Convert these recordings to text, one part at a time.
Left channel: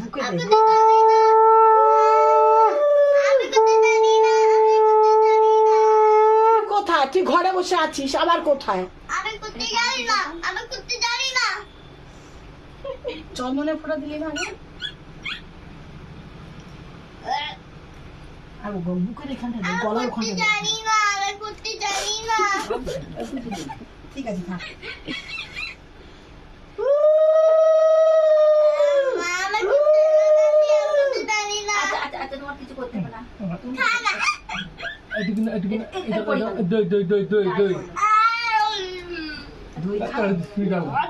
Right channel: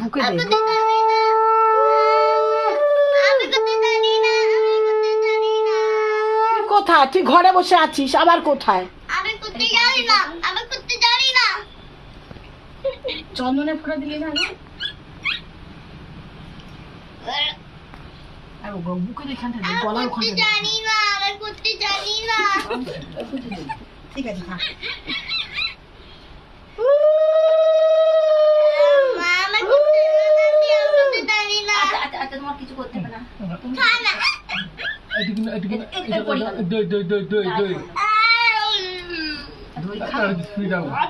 বুকে দে। কোথায় তুই ঘরে বসে আছিস আবার কোথায়? আমি করতে জানি না, আমি করতে জানি না। চন্দনে ফোঁটা দিলি না? আর বুকে এখানটা দে, গলার ওখানটা দে। জানি না, আমি করতে জানি না। ঠিক আছে থাক। মা, আমি করতে জানি না। আচ্ছা তোমার কিছু করতে হবে না। খা না।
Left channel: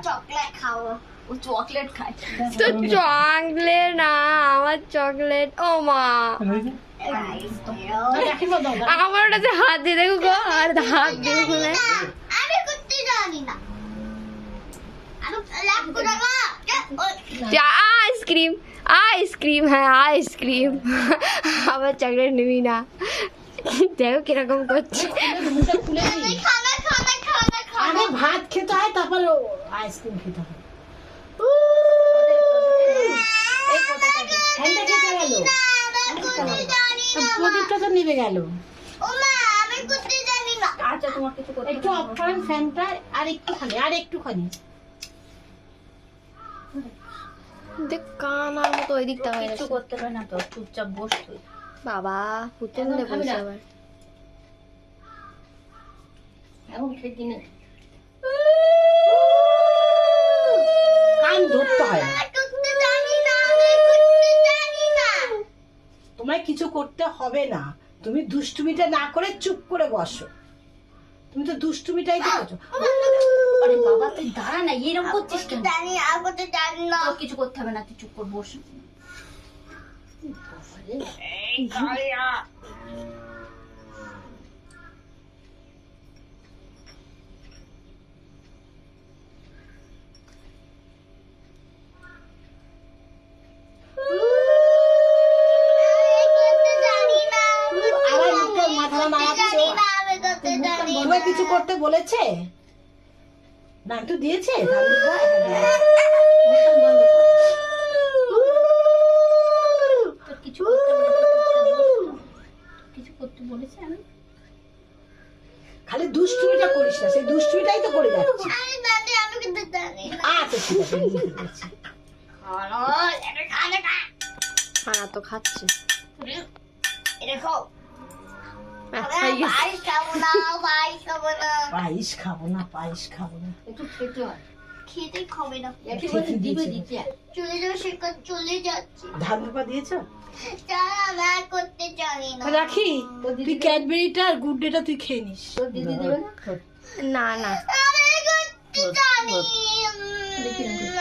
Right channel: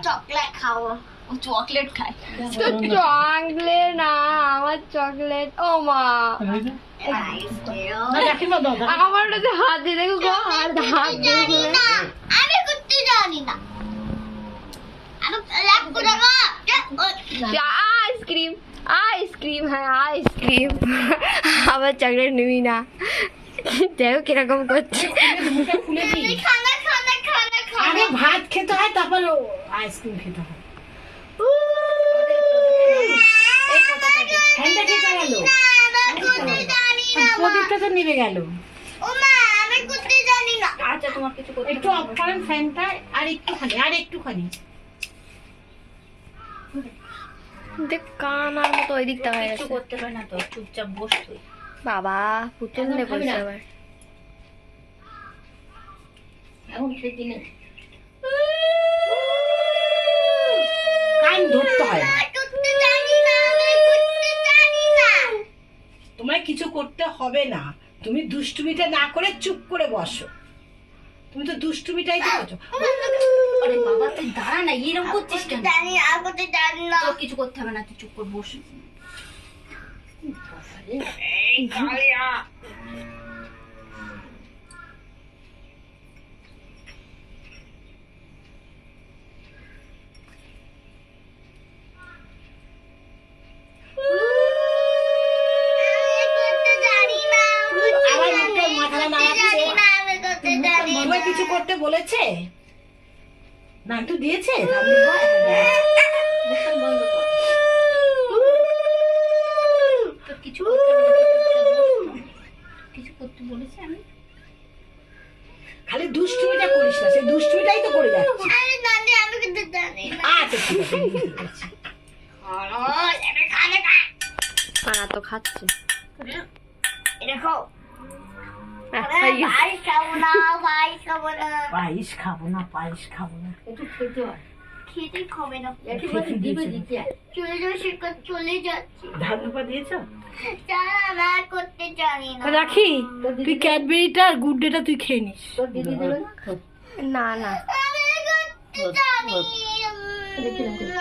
চকলেট খাবো। ও চকলেট খায়। তো চকলেট না, আমার চকলেট। ও মা, আমার ওটাতে হাত দিয়ে দেখো গো, আর হাত দিয়ে খুলে। আমি করতে জানি না। আমি লাগ করে আইসক্রিম, আইসক্রিম, হ্যাঁ আইসক্রিম। আবার চকলেট নিবি না? দেখো কিরকম করছে। খুলে দিই। খানা খানা খানা খানা। আরে ভাত খেতে হয় তারপর আইসক্রিম খেতে হয়। ফ্যানটা কে চালালো? আমি করতে জানি না। প্রদীপটা তো নিভে গেল। ও মা, আমি করতে জানি না। আচ্ছা তোমার কিছু করতে একটু অফ করেন ফ্যানটা, আর একটুখানি। দেখ কানার মতো ওই দিকটা হয়ে কিছু গেছে। করতে হবে না তো, চুপচাপ বস তুই। বাবা পুতুল নে বলছে আবার। এখন সেদিনে কান ধরতে হয় না। আমি করতে জানি না, আমি করতে জানি না। তোমায় কিছু করতে হবে না, তুমি দুষ্টুমিটা না করে চুপ করে বসো। তুমি তো দুষ্টুমিটাই তো করছো। আরে বাবা তুই দাঁড়া না, এরকম করছিস কেন? জানি না, আমি করতে জানি না। তোর কিছু করতে হবে না, তুই চুপ করে বস। আমি করতে জানি না। আবার মুখে মাথাটা নাড়াচ্ছে। জানি না, আমি করতে জানি না। তোমায় কিছু করতে বলেছে? না তো দিয়েছে? মুখটা বন্ধ কর। তোর কিছু করতে হবে না, তুই চুপচাপ বস। কিছু করতে বলেছি আমি? খালি দুষ্টুমিটা করিস না, সেই দুষ্টুমিটাই তো করে যাচ্ছি। আরে জানি, আমি করতে জানি না। আচ্ছা ঠিক আছে, আমি বুঝতে পেরেছি। আমি খানা খা। পানা তো খাচ্ছে। এটা খাও। হয়ে গেছে। পায়েস খাবো না, পায়েস খাবো না। পায়েস খাবো না। একটু খেতে হয়। খেতে খাবে না। একেবারে দিবে দিতে। চলে যাবে, সে চলে যাচ্ছে। ধান ধোপা দিয়েছো? আমি আর করতে জানি না। রাখি, তুই ক্যাডবেরিটা আর গুড ডেটা তুই খেয়ে নিস। তোর দিদি দেবে না? না না আমি করতে জানি দেখি না।